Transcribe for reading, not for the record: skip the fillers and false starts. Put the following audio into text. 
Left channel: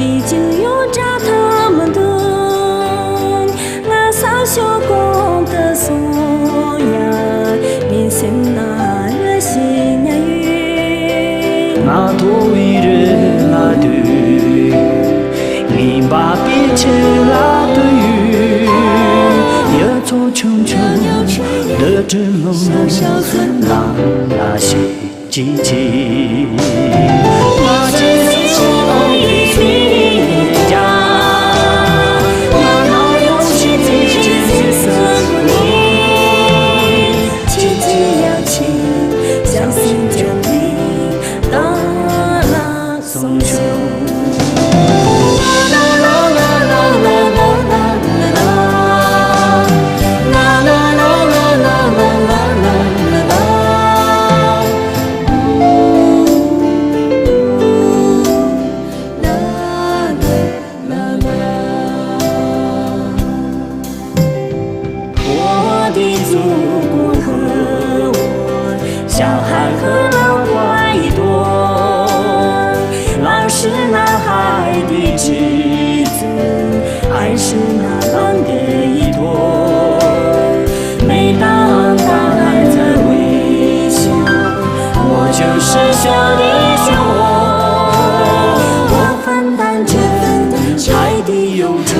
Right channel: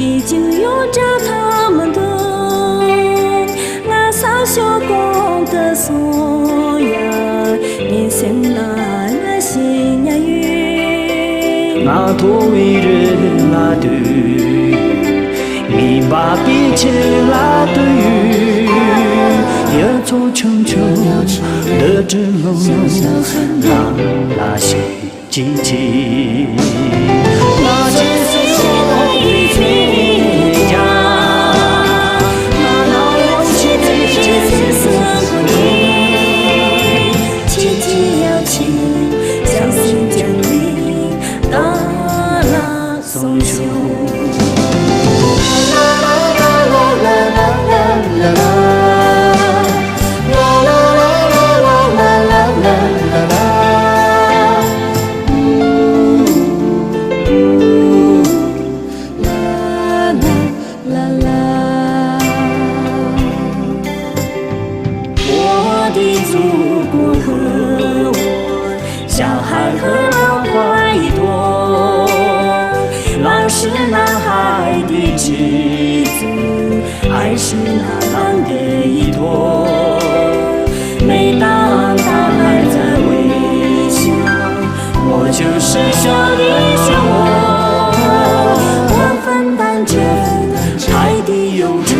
已经有着他们的我洒下光的颂呀，你心那热心呀云，我头一日拉的，你把彼此拉的雨，也做穷穷的只龙龙，拉拉西叽叽，那只是我的名家，那哪有奇迹只是胜过你，奇迹要请相信降临，大拉松秀。我的祖国和我，小孩和老花一朵，老是那海的妻子，还是那浪的依托。每当大海在微笑，我就是小的漩涡，我分担着海的忧愁。